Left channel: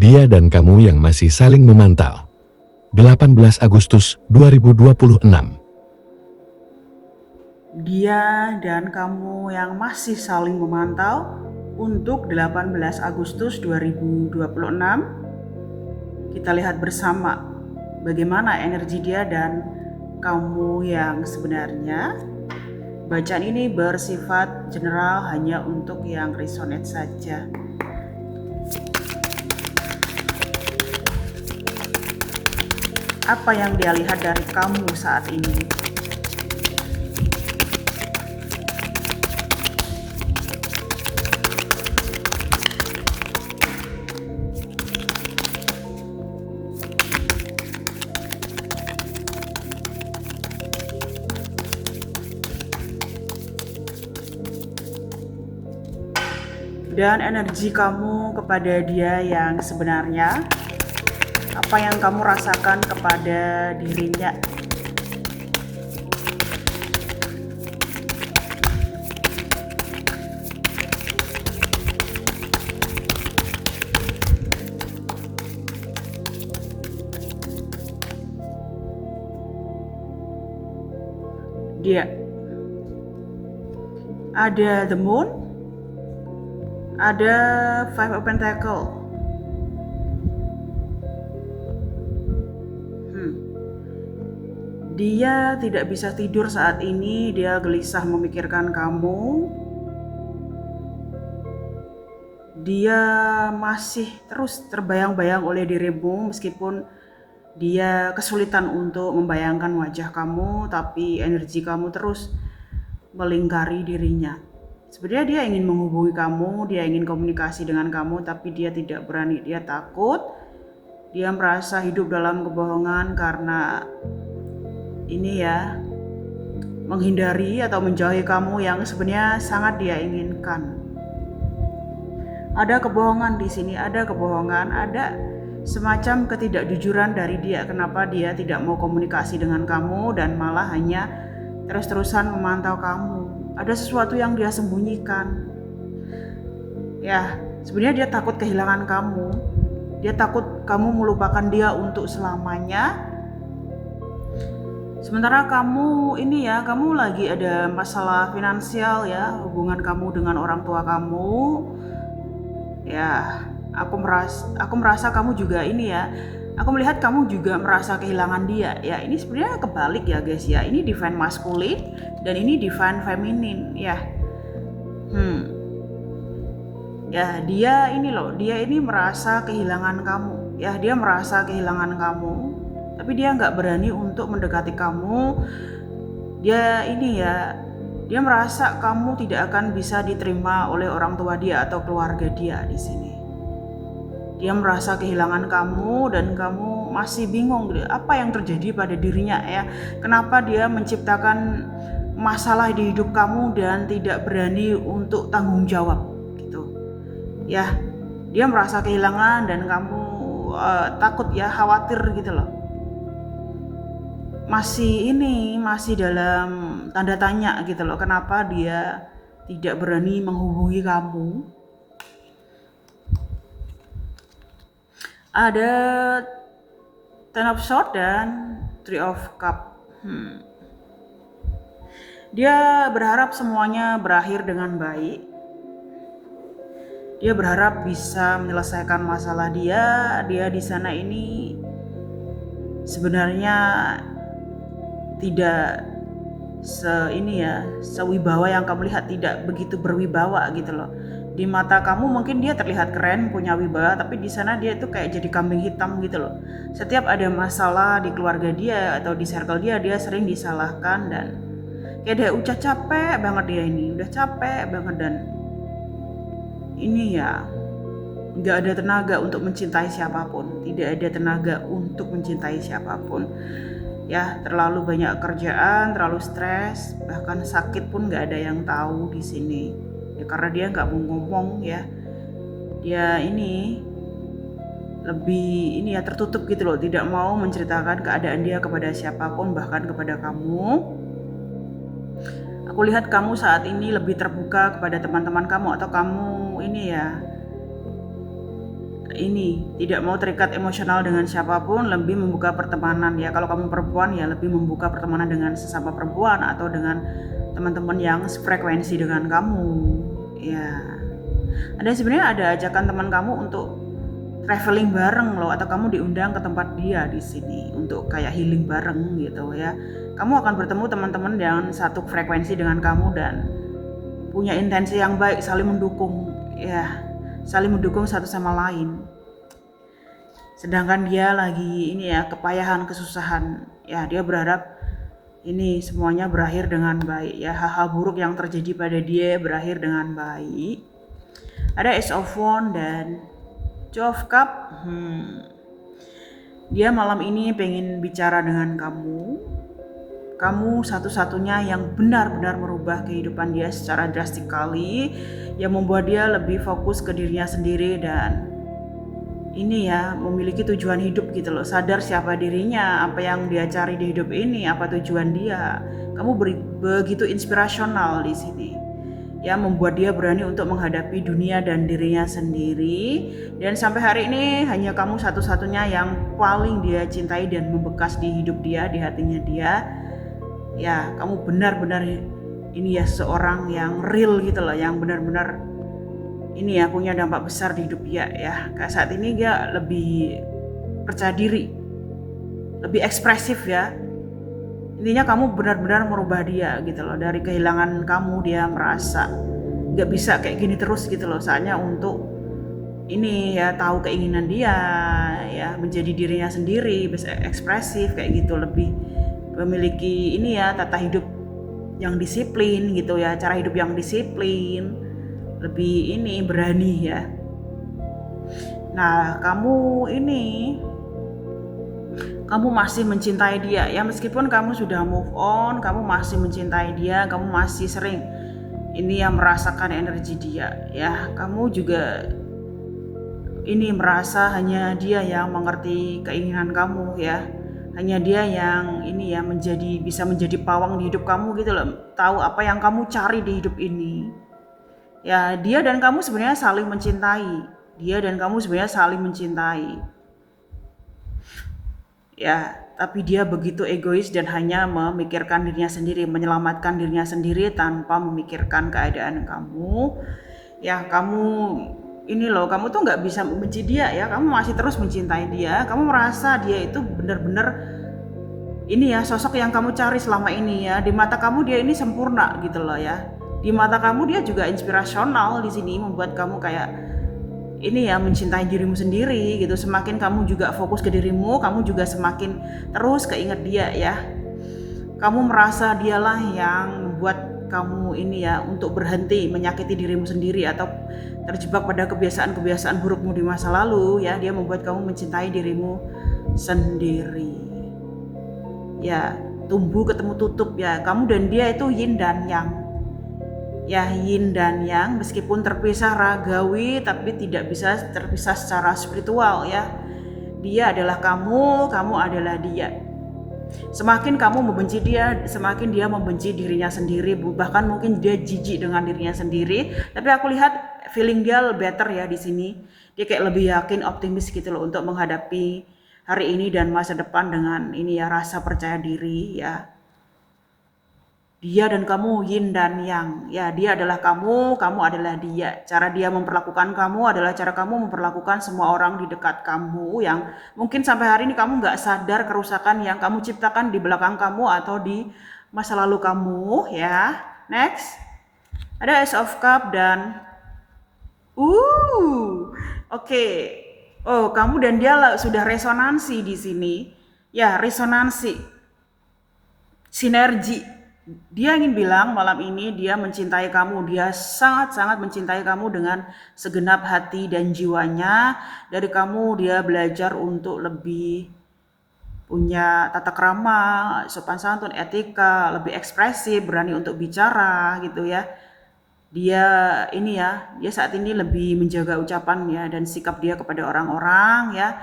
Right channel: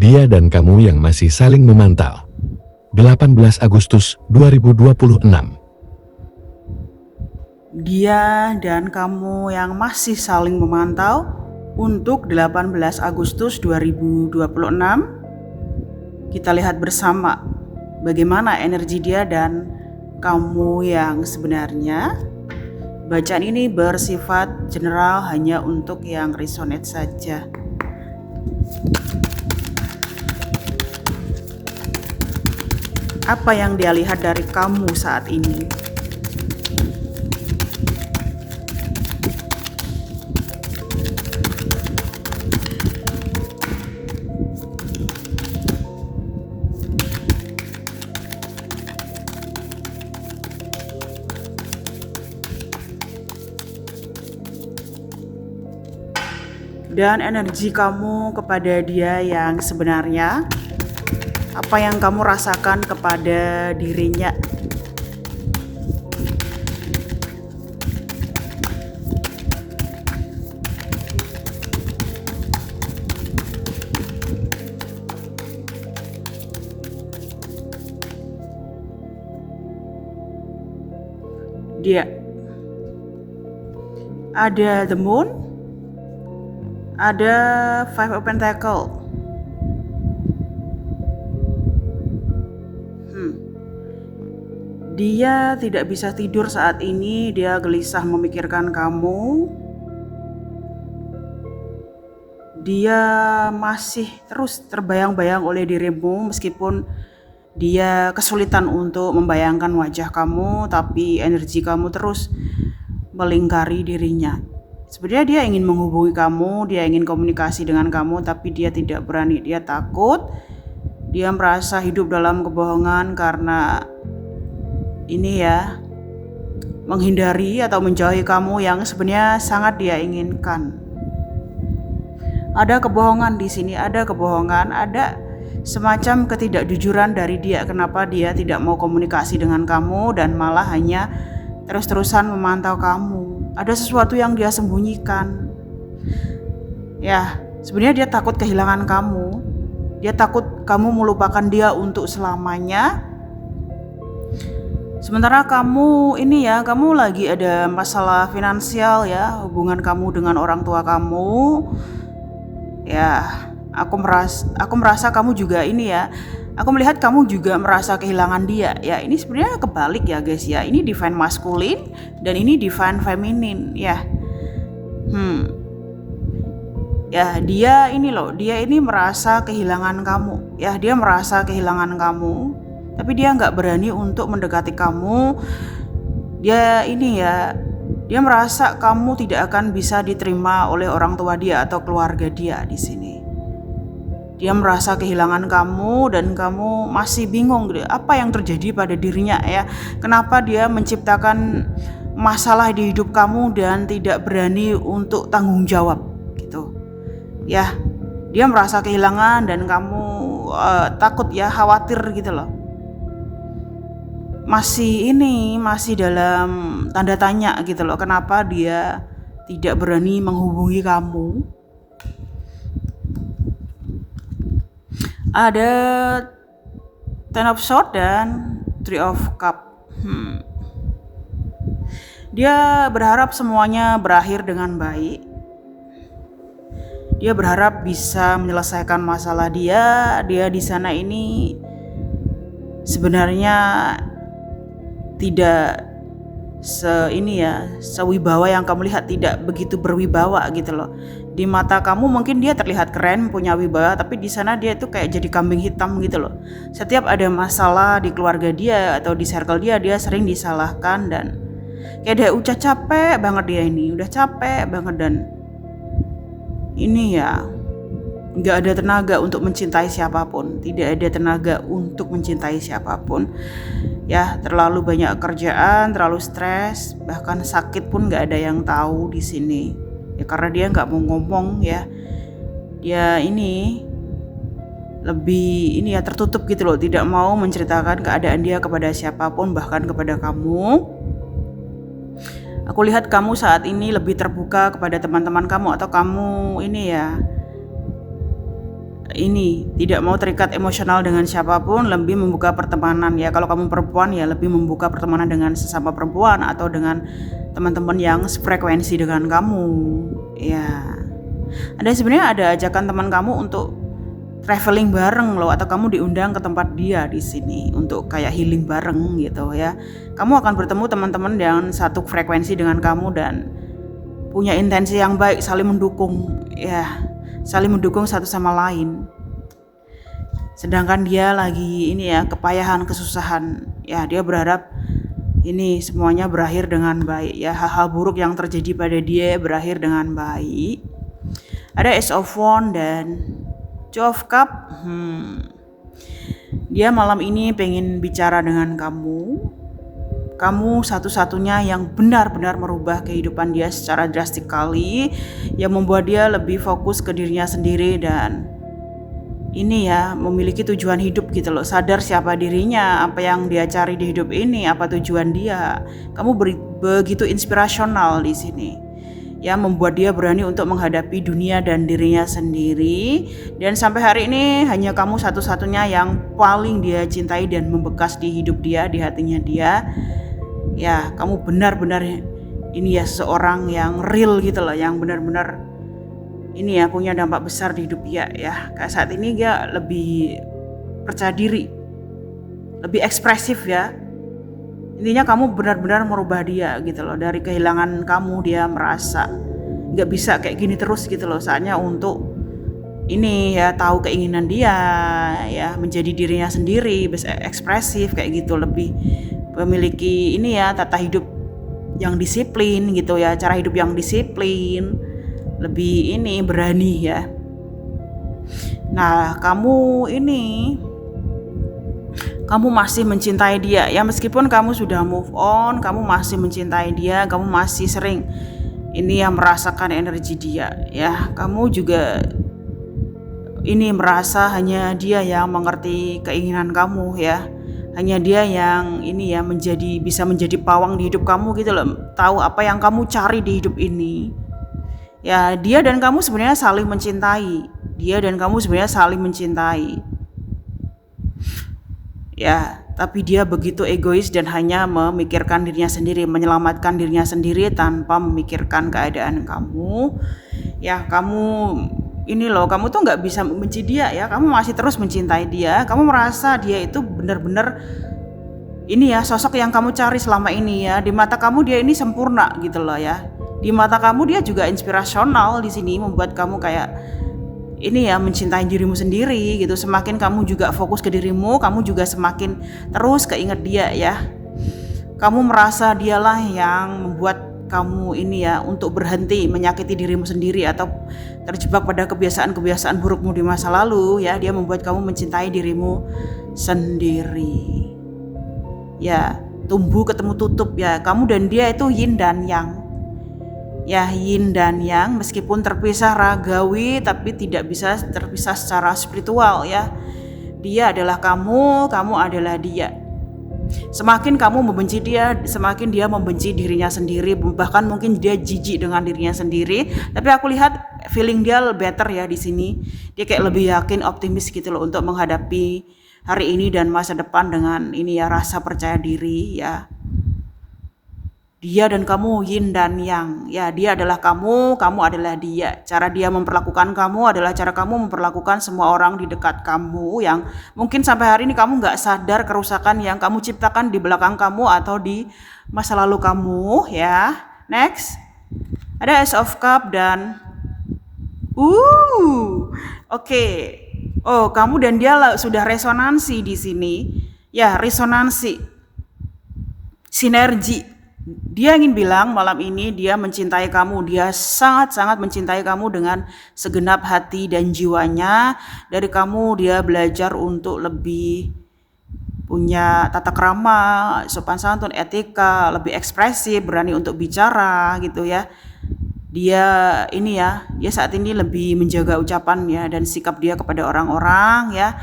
Dia dan kamu yang masih saling memantau. 18 Agustus 2026. Dia dan kamu yang masih saling memantau untuk 18 Agustus 2026. Kita lihat bersama bagaimana energi dia dan kamu yang sebenarnya. Bacaan ini bersifat general, hanya untuk yang resonate saja. Apa yang dia lihat dari kamu saat ini? Dan energi kamu kepada dia yang sebenarnya, apa yang kamu rasakan kepada dirinya. Dia ada the moon, ada five of pentacle. Dia tidak bisa tidur saat ini, dia gelisah memikirkan kamu. Dia masih terus terbayang-bayang oleh dirimu meskipun dia kesulitan untuk membayangkan wajah kamu, tapi energi kamu terus melingkari dirinya. Sebenarnya dia ingin menghubungi kamu, dia ingin komunikasi dengan kamu, tapi dia tidak berani, dia takut. Dia merasa hidup dalam kebohongan karena ini ya, menghindari atau menjauhi kamu yang sebenarnya sangat dia inginkan. Ada kebohongan di sini, ada kebohongan, ada semacam ketidakjujuran dari dia. Kenapa dia tidak mau komunikasi dengan kamu dan malah hanya terus-terusan memantau kamu. Ada sesuatu yang dia sembunyikan. Ya, sebenarnya dia takut kehilangan kamu. Dia takut kamu melupakan dia untuk selamanya. Sementara kamu ini ya, kamu lagi ada masalah finansial ya, hubungan kamu dengan orang tua kamu. Ya, aku merasa kamu juga ini ya. Aku melihat kamu juga merasa kehilangan dia. Ya, ini sebenarnya kebalik ya guys ya. Ini divine masculine dan ini divine feminine ya. Ya, dia ini loh, dia ini merasa kehilangan kamu. Ya, dia merasa kehilangan kamu. Tapi dia nggak berani untuk mendekati kamu. Dia ini ya, dia merasa kamu tidak akan bisa diterima oleh orang tua dia atau keluarga dia di sini. Dia merasa kehilangan kamu dan kamu masih bingung apa yang terjadi pada dirinya ya. Kenapa dia menciptakan masalah di hidup kamu dan tidak berani untuk tanggung jawab gitu. Ya, dia merasa kehilangan dan kamu takut ya, khawatir gitu loh. Masih dalam tanda tanya gitu loh, kenapa dia tidak berani menghubungi kamu. Ada Ten of Swords dan Three of Cups. Dia berharap semuanya berakhir dengan baik. Dia berharap bisa menyelesaikan masalah dia. Dia di sana ini sebenarnya tidak sewibawa yang kamu lihat, tidak begitu berwibawa gitu loh. Di mata kamu mungkin dia terlihat keren, punya wibawa, tapi di sana dia tuh kayak jadi kambing hitam gitu loh. Setiap ada masalah di keluarga dia atau di circle dia sering disalahkan dan kayak dia udah capek banget, dia ini udah capek banget dan ini ya, nggak ada tenaga untuk mencintai siapapun, tidak ada tenaga untuk mencintai siapapun. Ya, terlalu banyak kerjaan, terlalu stres, bahkan sakit pun nggak ada yang tahu di sini. Ya karena dia nggak mau ngomong ya. Dia ini lebih tertutup gitu loh, tidak mau menceritakan keadaan dia kepada siapapun, bahkan kepada kamu. Aku lihat kamu saat ini lebih terbuka kepada teman-teman kamu atau kamu ini ya ini tidak mau terikat emosional dengan siapapun, lebih membuka pertemanan ya. Kalau kamu perempuan ya lebih membuka pertemanan dengan sesama perempuan atau dengan teman-teman yang sefrekuensi dengan kamu ya. Sebenarnya ada ajakan teman kamu untuk traveling bareng loh, atau kamu diundang ke tempat dia di sini untuk kayak healing bareng gitu ya. Kamu akan bertemu teman-teman yang satu frekuensi dengan kamu dan punya intensi yang baik, saling mendukung ya, saling mendukung satu sama lain. Sedangkan dia lagi ini ya, kepayahan, kesusahan ya, dia berharap ini semuanya berakhir dengan baik ya, hal-hal buruk yang terjadi pada dia berakhir dengan baik. Ada Ace of Wands dan Two of Cup. Dia malam ini pengen bicara dengan kamu. Kamu satu-satunya yang benar-benar merubah kehidupan dia secara drastik kali, yang membuat dia lebih fokus ke dirinya sendiri dan ini ya, memiliki tujuan hidup gitu loh, sadar siapa dirinya, apa yang dia cari di hidup ini, apa tujuan dia. Kamu begitu inspirasional di sini. Ya, membuat dia berani untuk menghadapi dunia dan dirinya sendiri. Dan sampai hari ini hanya kamu satu-satunya yang paling dia cintai dan membekas di hidup dia, di hatinya dia. Ya, kamu benar-benar ini ya, seorang yang real gitu loh, yang benar-benar ini ya, punya dampak besar di hidup dia ya. Kayak saat ini dia lebih percaya diri, lebih ekspresif ya. Intinya kamu benar-benar merubah dia gitu loh. Dari kehilangan kamu dia merasa gak bisa kayak gini terus gitu loh. Saatnya untuk ini ya, tahu keinginan dia ya, menjadi dirinya sendiri, bisa ekspresif kayak gitu, lebih memiliki ini ya, tata hidup yang disiplin gitu ya, cara hidup yang disiplin, lebih ini berani ya. Nah, kamu masih mencintai dia ya, meskipun kamu sudah move on, kamu masih mencintai dia, kamu masih sering ini yang merasakan energi dia ya. Kamu juga ini merasa hanya dia yang mengerti keinginan kamu ya. Hanya dia yang ini ya, bisa menjadi pawang di hidup kamu gitu loh, tahu apa yang kamu cari di hidup ini. Ya, dia dan kamu sebenarnya saling mencintai. Ya, tapi dia begitu egois dan hanya memikirkan dirinya sendiri, menyelamatkan dirinya sendiri tanpa memikirkan keadaan kamu. Ya, kamu ini loh, kamu tuh nggak bisa membenci dia ya, kamu masih terus mencintai dia. Kamu merasa dia itu benar-benar ini ya, sosok yang kamu cari selama ini ya. Di mata kamu dia ini sempurna gitu loh ya. Di mata kamu dia juga inspirasional di sini, membuat kamu kayak ini ya, mencintai dirimu sendiri gitu. Semakin kamu juga fokus ke dirimu, kamu juga semakin terus keinget dia ya. Kamu merasa dialah yang membuat kamu ini ya, untuk berhenti menyakiti dirimu sendiri atau terjebak pada kebiasaan-kebiasaan burukmu di masa lalu ya. Dia membuat kamu mencintai dirimu sendiri ya. Tumbuh ketemu tutup ya, kamu dan dia itu yin dan yang ya, yin dan yang, meskipun terpisah ragawi tapi tidak bisa terpisah secara spiritual ya. Dia adalah kamu adalah dia. Semakin kamu membenci dia, semakin dia membenci dirinya sendiri. Bahkan mungkin dia jijik dengan dirinya sendiri. Tapi aku lihat feeling dia better ya di sini. Dia kayak lebih yakin, optimis gitu loh untuk menghadapi hari ini dan masa depan dengan ini ya, rasa percaya diri ya. Dia dan kamu yin dan yang ya. Dia adalah kamu adalah dia. Cara dia memperlakukan kamu adalah cara kamu memperlakukan semua orang di dekat kamu, yang mungkin sampai hari ini kamu gak sadar kerusakan yang kamu ciptakan di belakang kamu atau di masa lalu kamu ya. Next, ada Ace of Cup dan oke. Oh, kamu dan dia sudah resonansi di sini ya, resonansi, sinergi. Dia ingin bilang malam ini dia mencintai kamu. Dia sangat-sangat mencintai kamu dengan segenap hati dan jiwanya. Dari kamu dia belajar untuk lebih punya tata krama, sopan santun, etika, lebih ekspresif, berani untuk bicara gitu ya. Dia ini ya, dia saat ini lebih menjaga ucapan ya dan sikap dia kepada orang-orang ya.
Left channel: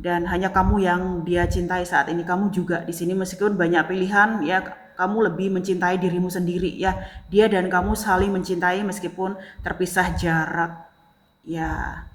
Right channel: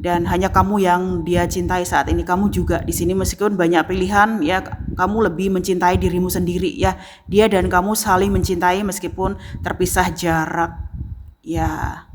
Dan hanya kamu yang dia cintai saat ini. Kamu juga di sini, meskipun banyak pilihan ya, kamu lebih mencintai dirimu sendiri ya. Dia dan kamu saling mencintai meskipun terpisah jarak ya.